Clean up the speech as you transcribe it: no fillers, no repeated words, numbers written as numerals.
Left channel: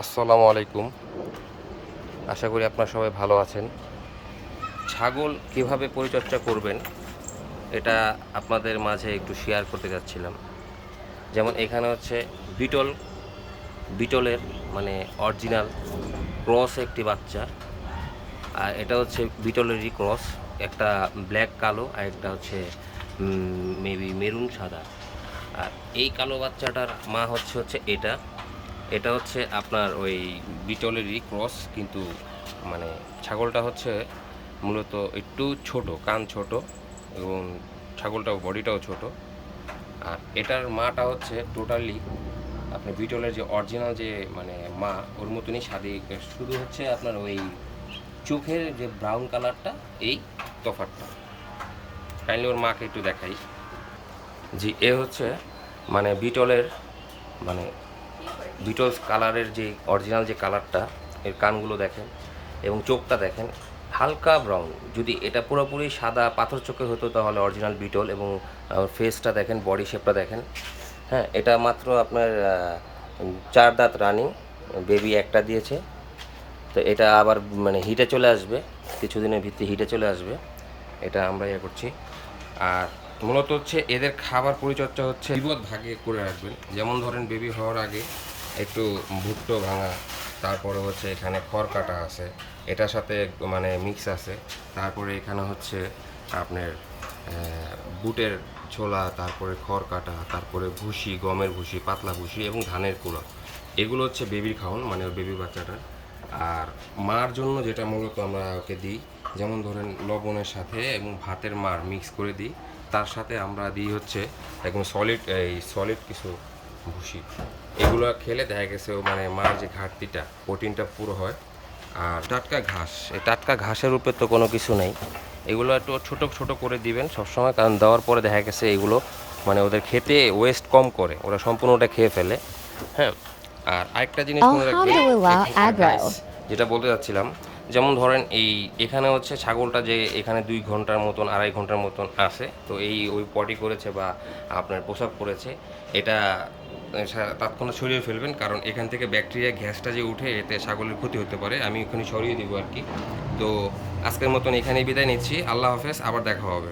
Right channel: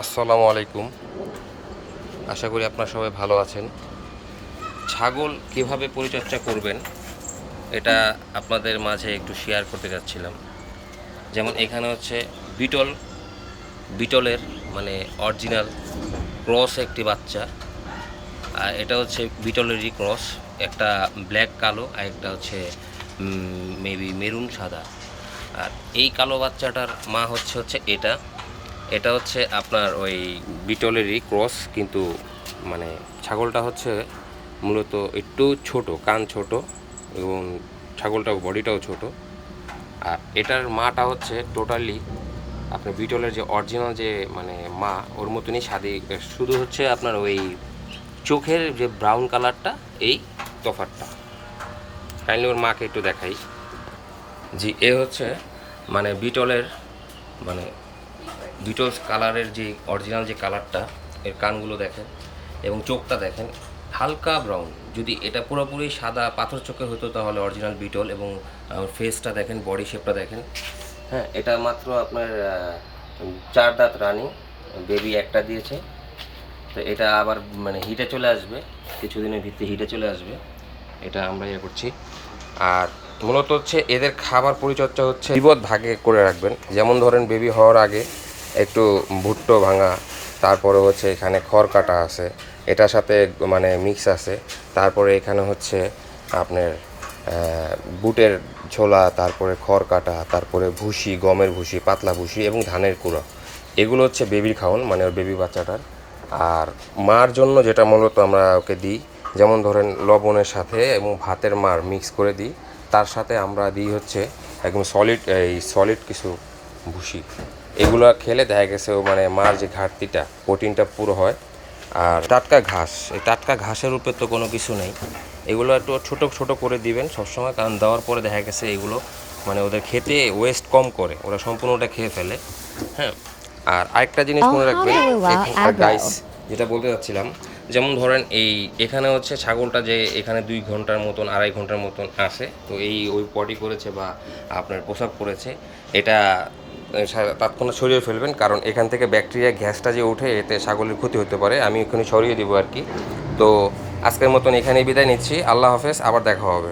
আসসালামু আলাইকুম। আশা করি আপনারা সবাই ভালো আছেন। ছাগল কীভাবে পরিচর্যা করবেন এটা আপনাদের মাঝে একটু শেয়ার করতে যাচ্ছিলাম। যেমন এখানে হচ্ছে বিটল বিটলের মানে অরিজিনাল ক্রস একটি বাচ্চা, আর এটা হচ্ছে বিটলেরই ক্রস, একটা ব্ল্যাক কালো আর একটা হচ্ছে মেবি মেরুন সাদা। আর এই কালো বাচ্চাটার মা হচ্ছে এটা এটা হচ্ছে আপনার ওই বিটলেরই ক্রস, কিন্তু মানে ছাগলটা হচ্ছে মূলত একটু ছোট, কান ছোট এবং ছাগলটাও বডিটাও ছোট। আর এটার মাটা হচ্ছে টোটালি আপনার বিটলের যে অরিজিনাল যে মানে মা ওর মতনই স্বাদী, শুধু হচ্ছে আপনার ওই চোখের যে ব্রাউন কালারটা এই তফাৎটা। কাইন্ডলি ওর মাকে একটু দেখাই। জি, এ হচ্ছে মানে বিটলের মানে বিটলস কালারের যে অরিজিনাল যে কালারটা, এর কানগুলো দেখেন এবং চোখটা দেখেন হালকা ব্রাউন। যদি এটা পুরোপুরি সাদা পাথর চোখে হতো তাহলে অরিজিনাল বিটল, এবং ফেসটা দেখেন, বডি শেপটা দেখেন। হ্যাঁ, এটা মাত্র আপনার 4 দাঁত রানি, বেবি একটা দিয়েছে। তো এটা আবার মানে হিটে চলে আসবে, কিছুদিনের ভিত্তি হিটে চলে আসবে, এটা আমরা ইয়ে করছি। আর মূলত হচ্ছে এদের খাবার পরিচর্যা হচ্ছে বিপদ ভাগে করে রাখবেন। যেমন ধরেন বেবি হওয়ার আগে একটু ভুট্টো ভাঙা, তারপরে হচ্ছে এখানে খড় কাটা আছে, এটার সাথে মানে মিক্স আছে। তারপরে এখানে হচ্ছে আপনার বুটের ছোলা, তারপরে খড় কাটা, তারপরে ভুসি, গমের ভুসি, পাতলা ভুসি এবং ধানের কুড়ো। এগুলো হচ্ছে বেবির খাওয়ান, মানে ওর বেবি বাচ্চাটার। আর মার জন্য যেটা মূলত আমরা ওকে দিই, যেমন ধরেন লবণের সাথে এবং ভাতের মার মিক্স করে দিই, তার সাথে আমরা দিই হচ্ছে একদম সলিড কিছু ভুসি। এগুলো খেলে দেখা গেছে ও মানে মার যে ঘাটতিটা, প্রোটিনটা পুরো হয়। আর টাটকা ঘাস, এই টাটকা ঘাসের উপরে তো কোনো কিছু নেই, এগুলো একটু ছোটো ছোটো করে দিবেন সবসময়, কারণ দেওয়ার পরে দেখা গেছে এগুলো মানে ওদের খেতে ওয়েস্ট কম করে, ওরা সম্পূর্ণটা খেয়ে ফেলে। হ্যাঁ, আর আরেকটা জিনিস মনে রাখবেন গাইস, যেটা বলতে চাচ্ছিলাম, যেমন ধরেন এখানে হচ্ছে ছাগলটা যে এখানে 2 ঘন্টার মতন 2.5 ঘন্টার মতন আছে, তো ওই পটি করেছে বা আপনার পোশাক পরেছে, এটা তৎক্ষণাৎ সরিয়ে ফেলবেন, কারণ এখান থেকে ব্যাকটেরিয়া গ্যাসটা যে ওঠে এতে ছাগলের ক্ষতি হতে পারে। আমি এখানে সরিয়ে দেবো আর কি। তো আজকের মতন এখানেই বিদায় নিচ্ছি। আল্লাহ হাফেজ, আবার দেখা হবে।